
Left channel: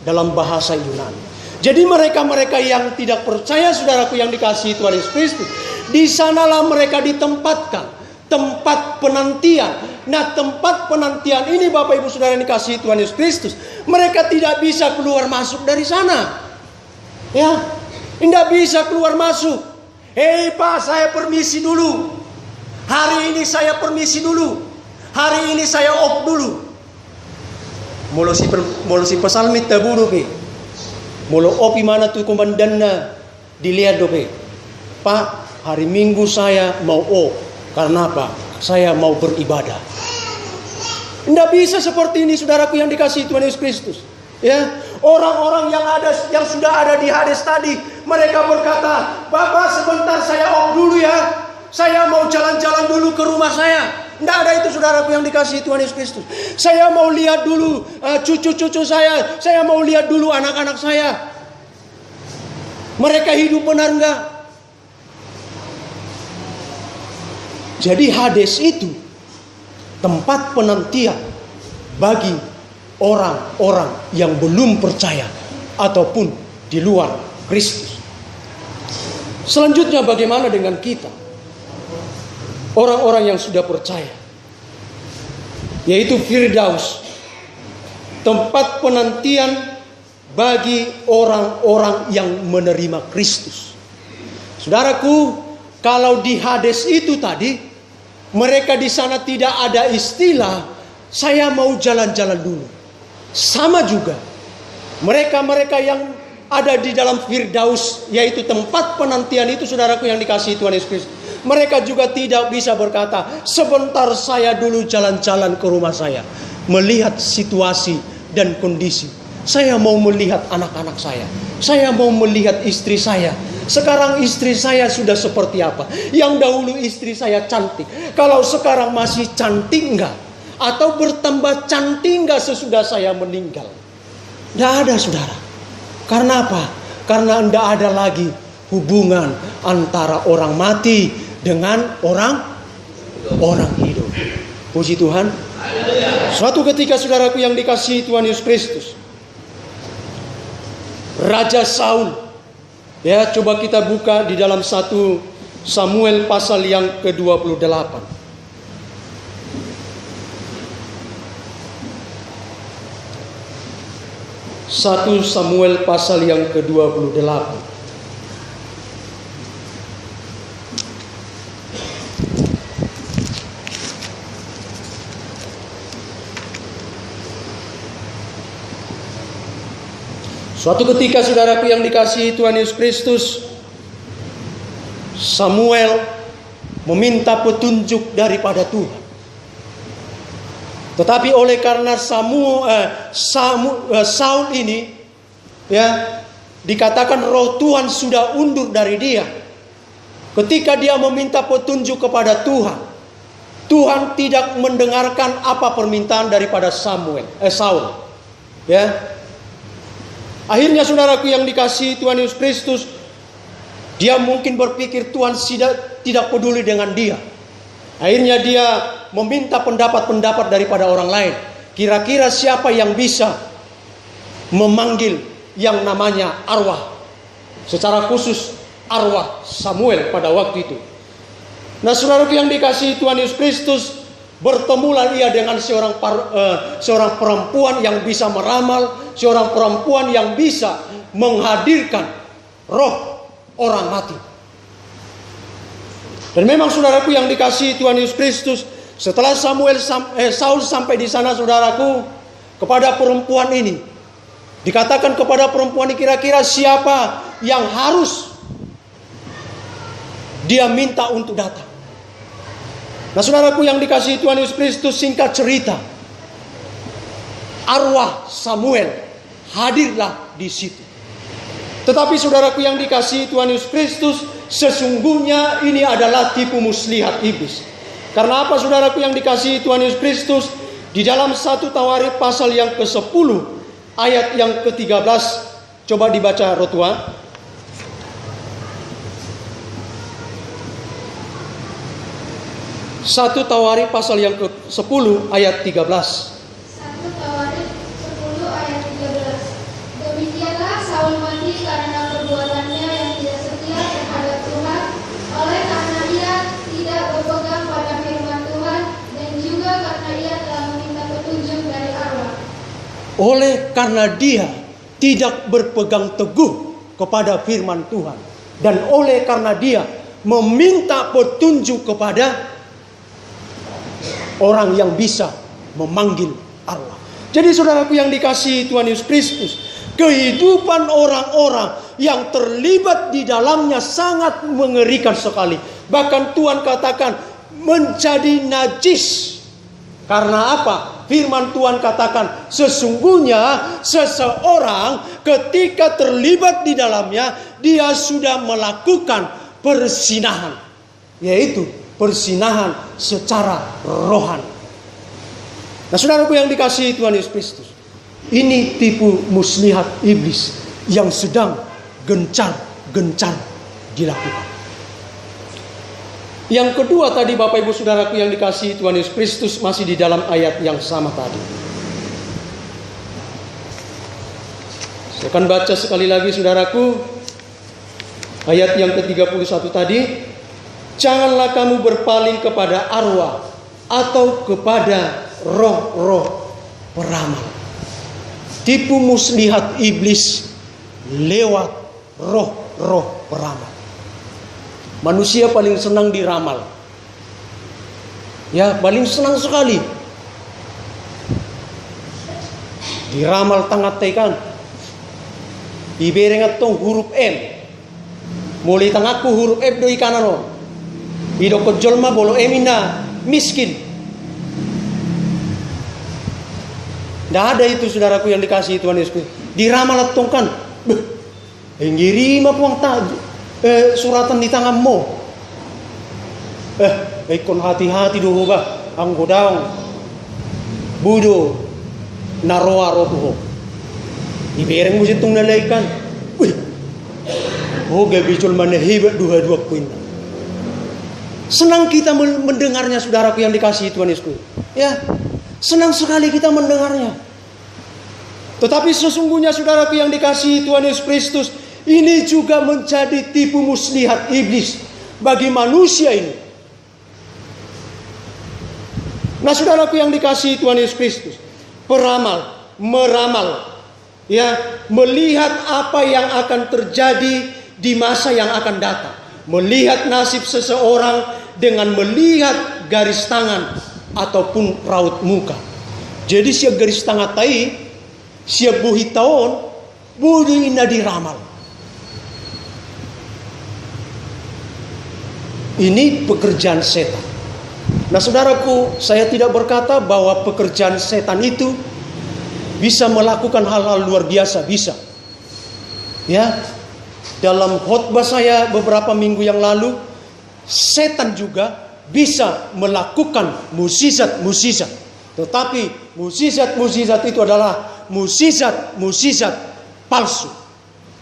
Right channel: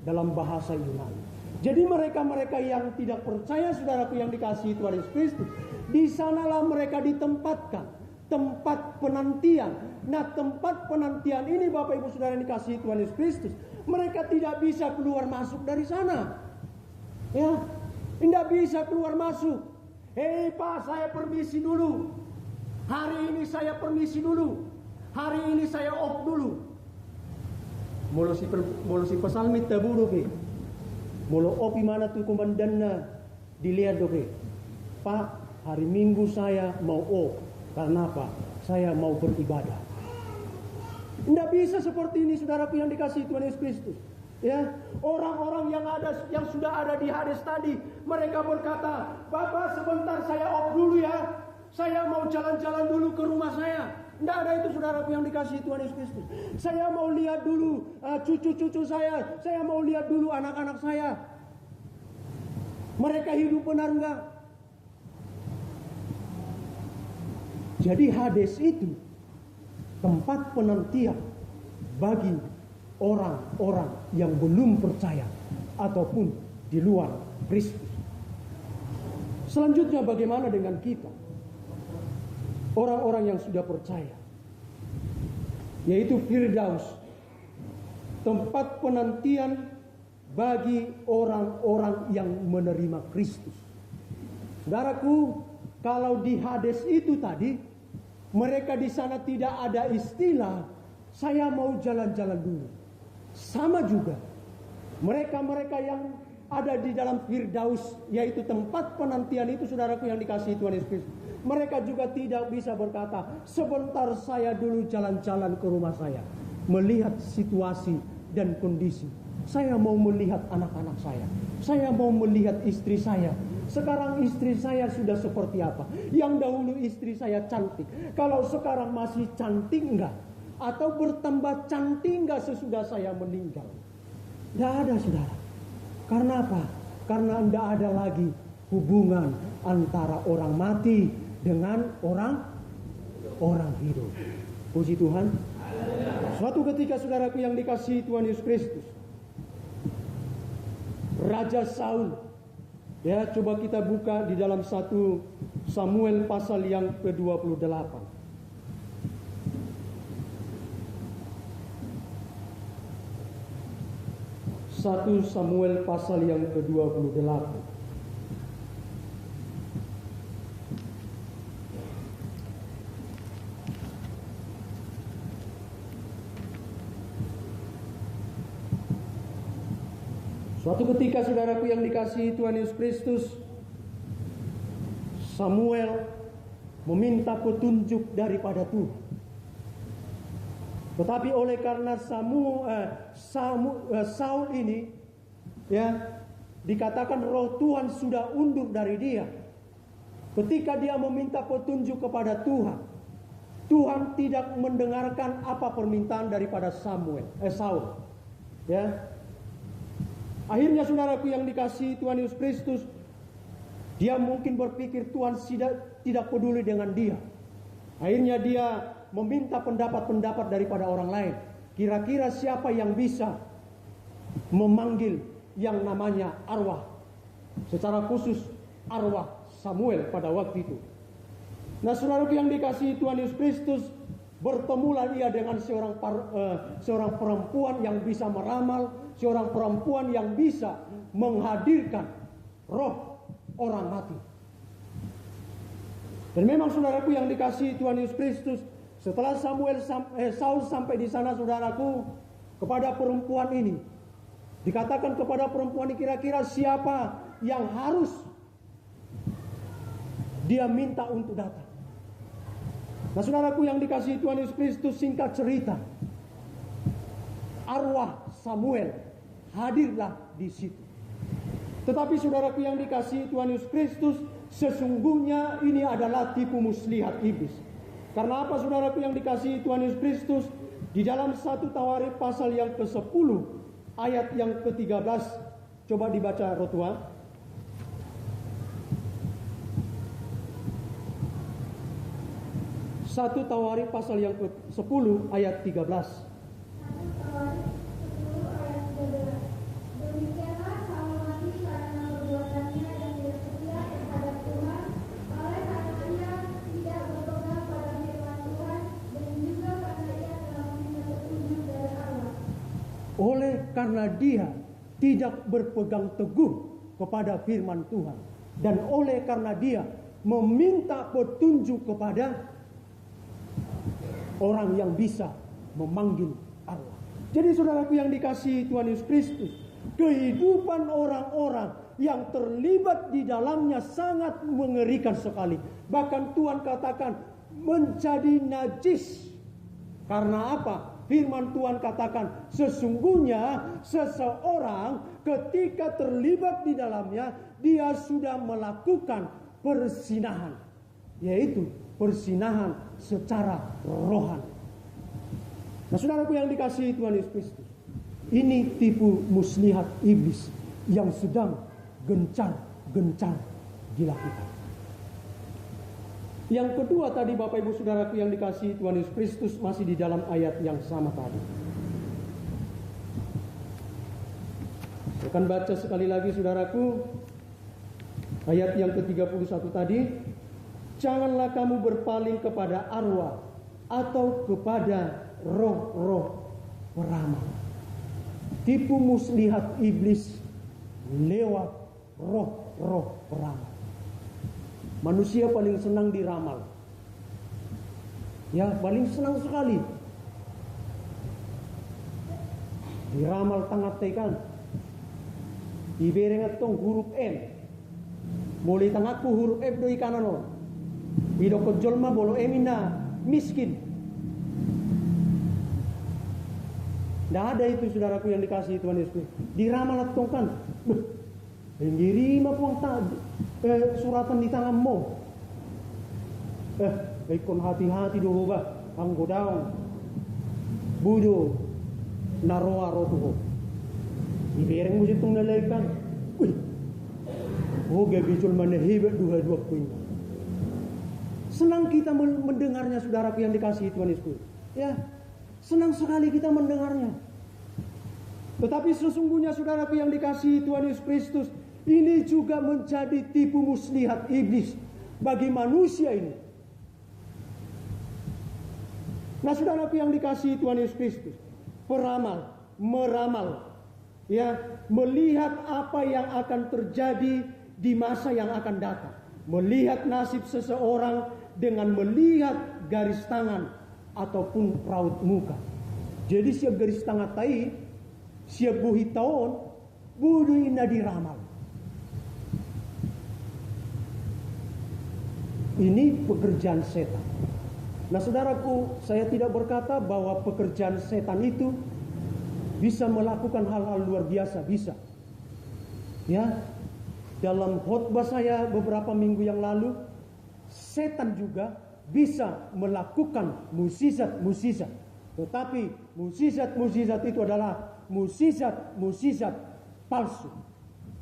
dalam bahasa Yunani. Jadi mereka-mereka yang tidak percaya, saudaraku yang dikasihi Tuhan Yesus Kristus, di sanalah mereka ditempatkan, tempat penantian. Nah, tempat penantian ini Bapak Ibu Saudara yang dikasihi Tuhan Yesus Kristus, mereka tidak bisa keluar masuk dari sana. Ya, tidak bisa keluar masuk. Hei Pak, saya permisi dulu. Hari ini saya permisi dulu. Hari ini saya off dulu. Molo si pesalmit taburu ke. Molo opi mana tuh komandannya. Dilihat dope. Pak, hari Minggu saya mau off. Karena apa? Saya mau beribadah. Tidak bisa seperti ini, saudaraku yang dikasihi Tuhan Yesus Kristus. Ya, orang-orang yang sudah ada di Hades tadi, mereka berkata, Bapak sebentar saya off dulu ya. Saya mau jalan-jalan dulu ke rumah saya. Tidak ada itu, saudaraku yang dikasihi Tuhan Yesus Kristus. Saya mau lihat dulu cucu-cucu saya. Saya mau lihat dulu anak-anak saya. Mereka hidup benar enggak? Jadi Hades itu tempat penantian bagi orang-orang yang belum percaya ataupun di luar Kristus. Selanjutnya bagaimana dengan kita? Orang-orang yang sudah percaya, yaitu Firdaus, tempat penantian bagi orang-orang yang menerima Kristus. Saudaraku, kalau di Hades itu tadi, mereka di sana tidak ada istilah saya mau jalan-jalan dulu. Sama juga mereka-mereka yang ada di dalam Firdaus, yaitu tempat penantian itu, saudaraku yang dikasihi Tuhan Yesus Kristus, mereka juga tidak bisa berkata, sebentar saya dulu jalan-jalan ke rumah saya, melihat situasi dan kondisi. Saya mau melihat anak-anak saya mau melihat istri saya. Sekarang istri saya sudah seperti apa? Yang dahulu istri saya cantik, kalau sekarang masih cantik enggak? Atau bertambah cantik enggak sesudah saya meninggal? Tidak ada, saudara. Karena apa? Karena tidak ada lagi hubungan antara orang mati dengan orang hidup. Puji Tuhan. Suatu ketika, saudaraku yang dikasihi Tuhan Yesus Kristus, Raja Saul, ya, coba kita buka di dalam 1 Samuel pasal yang ke-28. 1 Samuel pasal yang ke-28. Suatu ketika, saudaraku yang dikasihi Tuhan Yesus Kristus, Samuel meminta petunjuk daripada Tuhan. Tetapi oleh karena Saul ini, ya, dikatakan roh Tuhan sudah undur dari dia. Ketika dia meminta petunjuk kepada Tuhan, Tuhan tidak mendengarkan apa permintaan daripada Saul. Ya. Akhirnya, saudaraku yang dikasihi Tuhan Yesus Kristus, dia mungkin berpikir Tuhan tidak peduli dengan dia. Akhirnya dia meminta pendapat-pendapat daripada orang lain. Kira-kira siapa yang bisa memanggil yang namanya arwah, secara khusus arwah Samuel pada waktu itu. Nah, saudaraku yang dikasihi Tuhan Yesus Kristus, bertemulah ia dengan seorang perempuan yang bisa meramal, seorang perempuan yang bisa menghadirkan roh orang mati. Dan memang, saudaraku yang dikasihi Tuhan Yesus Kristus, setelah Saul sampai di sana, saudaraku, kepada perempuan ini dikatakan kepada perempuan ini, kira-kira siapa yang harus dia minta untuk datang. Nah, saudaraku yang dikasihi Tuhan Yesus Kristus, singkat cerita, arwah Samuel hadirlah di situ. Tetapi, saudaraku yang dikasihi Tuhan Yesus Kristus, sesungguhnya ini adalah tipu muslihat iblis. Karena apa, saudaraku yang dikasihi Tuhan Yesus Kristus? Di dalam 1 Tawarikh pasal yang ke-10 ayat yang ke-13, coba dibaca Rotua. Satu Tawarikh pasal yang ke-10 ayat 13. 1 Tawarikh 10 ayat 13. Oleh karena dia tidak berpegang teguh kepada firman Tuhan. Dan oleh karena dia meminta petunjuk kepada orang yang bisa memanggil Allah. Jadi saudaraku yang dikasihi Tuhan Yesus Kristus, kehidupan orang-orang yang terlibat di dalamnya sangat mengerikan sekali. Bahkan Tuhan katakan menjadi najis. Karena apa? Firman Tuhan katakan sesungguhnya seseorang ketika terlibat di dalamnya dia sudah melakukan persinahan, yaitu persinahan secara rohani. Nah, saudaraku yang dikasihi Tuhan Yesus Kristus, ini tipu muslihat iblis yang sedang gencar-gencar dilakukan. Yang kedua tadi Bapak Ibu Saudaraku yang dikasihi Tuhan Yesus Kristus, masih di dalam ayat yang sama tadi. Saya akan baca sekali lagi saudaraku, ayat yang ke-31 tadi. Janganlah kamu berpaling kepada arwah atau kepada roh-roh peramal. Tipu muslihat iblis lewat roh-roh peramal. Manusia paling senang diramal. Ya, paling senang sekali. Diramal tangat tekan. Iberengat tong huruf M. Mulai tangakku huruf F doi kanan. Hidup kejolma bolo emina miskin. Tidak ada itu saudaraku yang dikasihi Tuhan Yesus. Diramal tongkan. Enggiri mah puang tak. Suratan di tanganmu. Ikon hati-hati dulu bah. Ang godaong. Budo. Naroa rotuho. Ibereng mo sitong nalaikan. Uy. Gabicol manahibat dua-dua kuin. Senang kita mendengarnya saudaraku yang dikasihi Tuhan Yesus. Ya. Senang sekali kita mendengarnya. Tetapi sesungguhnya saudaraku yang dikasihi Tuhan Yesus Kristus, ini juga menjadi tipu muslihat iblis bagi manusia ini. Nah saudaraku yang dikasihi Tuhan Yesus Kristus, peramal, meramal, ya, melihat apa yang akan terjadi di masa yang akan datang. Melihat nasib seseorang dengan melihat garis tangan ataupun raut muka. Jadi siap garis tangan tai, siap buhi tahun, budu ina diramal. Ini pekerjaan setan. Nah saudaraku, saya tidak berkata bahwa pekerjaan setan itu bisa melakukan hal-hal luar biasa, bisa. Ya, dalam khotbah saya beberapa minggu yang lalu, setan juga bisa melakukan mukjizat-mukjizat. Tetapi mukjizat-mukjizat itu adalah mukjizat-mukjizat palsu.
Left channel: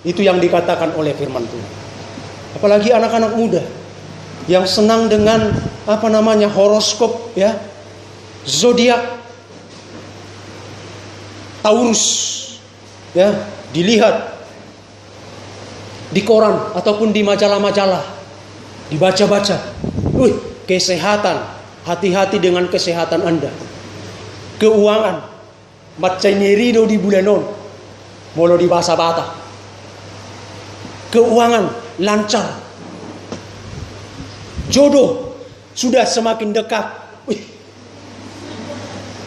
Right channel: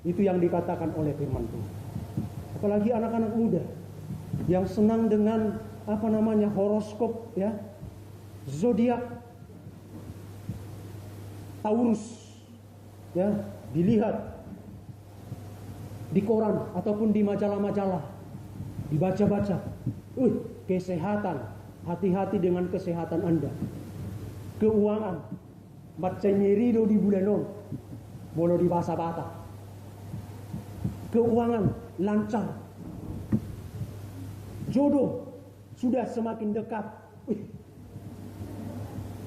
Itu yang dikatakan oleh firman Tuhan. Apalagi anak-anak muda yang senang dengan horoskop, ya, zodiak, Taurus, ya, dilihat di koran ataupun di majalah-majalah, dibaca-baca. Kesehatan, hati-hati dengan kesehatan Anda. Keuangan, macam nyerido di bulanon, molo di basa-bata. Keuangan lancar. Jodoh sudah semakin dekat.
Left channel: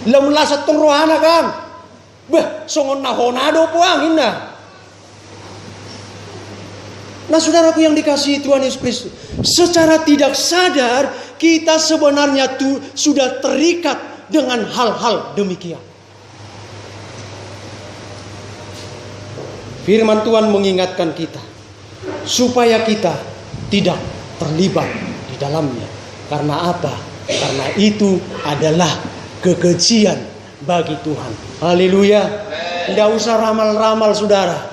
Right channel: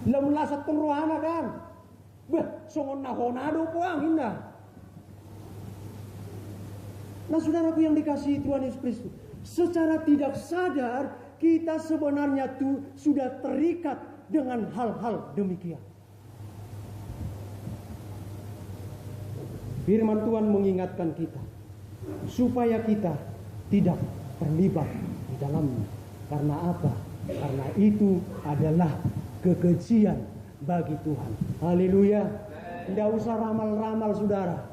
Lemlasat tong rohana kan. Songon nahonado puang inna. Nah saudaraku yang dikasihi Tuhan Yesus Kristus, secara tidak sadar kita sebenarnya sudah terikat dengan hal-hal demikian. Firman Tuhan mengingatkan kita supaya kita tidak terlibat di dalamnya. Karena apa? Karena itu adalah kekejian bagi Tuhan. Haleluya. Tidak usah ramal-ramal saudara.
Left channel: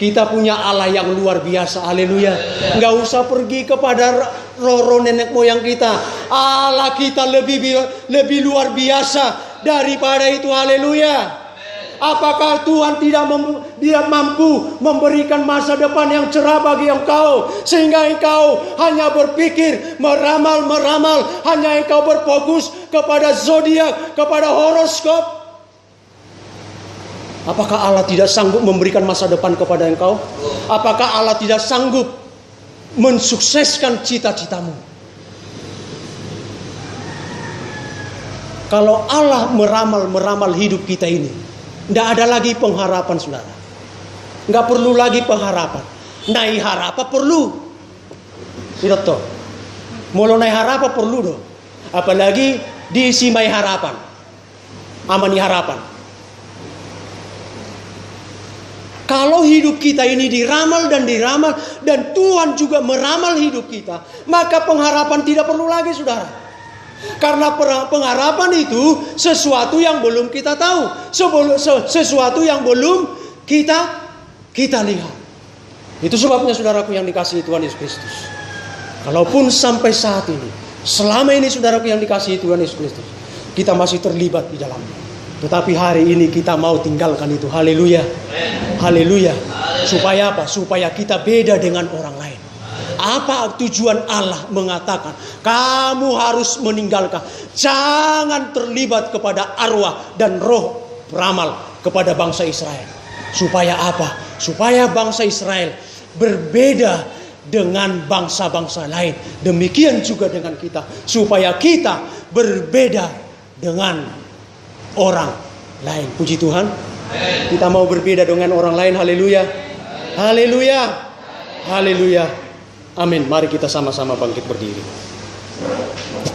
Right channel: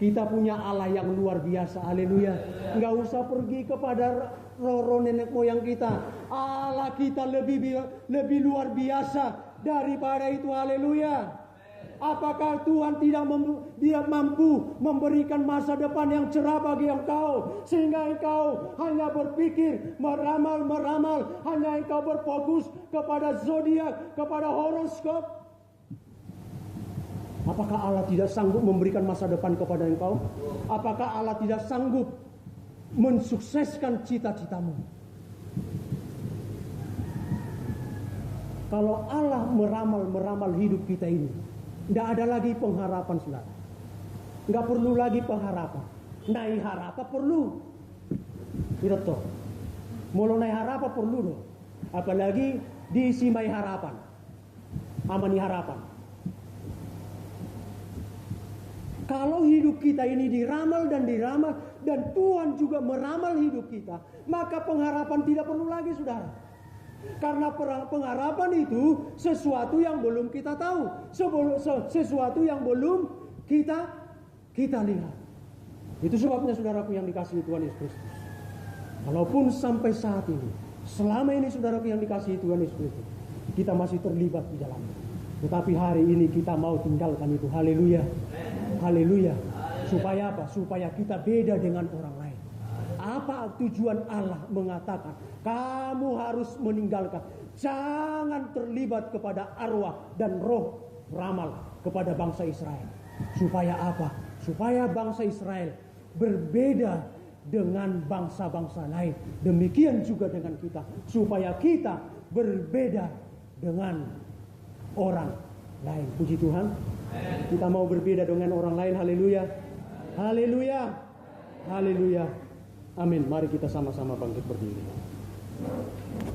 Kita punya Allah yang luar biasa. Haleluya. Nggak usah pergi kepada roh-roh nenek moyang kita. Allah kita lebih luar biasa daripada itu. Haleluya. Apakah Tuhan tidak mampu memberikan masa depan yang cerah bagi engkau, sehingga engkau hanya berpikir meramal, hanya engkau berfokus kepada zodiak, kepada horoskop? Apakah Allah tidak sanggup memberikan masa depan kepada engkau? Apakah Allah tidak sanggup mensukseskan cita-citamu? Kalau Allah meramal hidup kita ini, tidak ada lagi pengharapan, saudara. Nggak perlu lagi pengharapan. Naik harapan perlu. Tidak toh. Mulu naik harapan perlu doh. Apalagi diisi mai harapan. Amani harapan. Kalau hidup kita ini diramal dan Tuhan juga meramal hidup kita, maka pengharapan tidak perlu lagi, saudara. Karena pengharapan itu sesuatu yang belum kita tahu, sesuatu yang belum kita lihat. Itu sebabnya, saudaraku yang dikasihi Tuhan Yesus Kristus, kalaupun sampai saat ini, selama ini saudaraku yang dikasihi Tuhan Yesus Kristus, kita masih terlibat di dalamnya. Tetapi hari ini kita mau tinggalkan itu. Haleluya. Haleluya. Supaya apa? Supaya kita beda dengan orang lain. Apa tujuan Allah mengatakan kamu harus meninggalkan, jangan terlibat kepada arwah dan roh beramal kepada bangsa Israel. Supaya apa? Supaya bangsa Israel berbeda dengan bangsa-bangsa lain. Demikian juga dengan kita, supaya kita berbeda dengan orang lain. Puji Tuhan. Kita mau berbeda dengan orang lain. Haleluya. Haleluya. Haleluya. Amin. Mari kita sama-sama bangkit berdiri.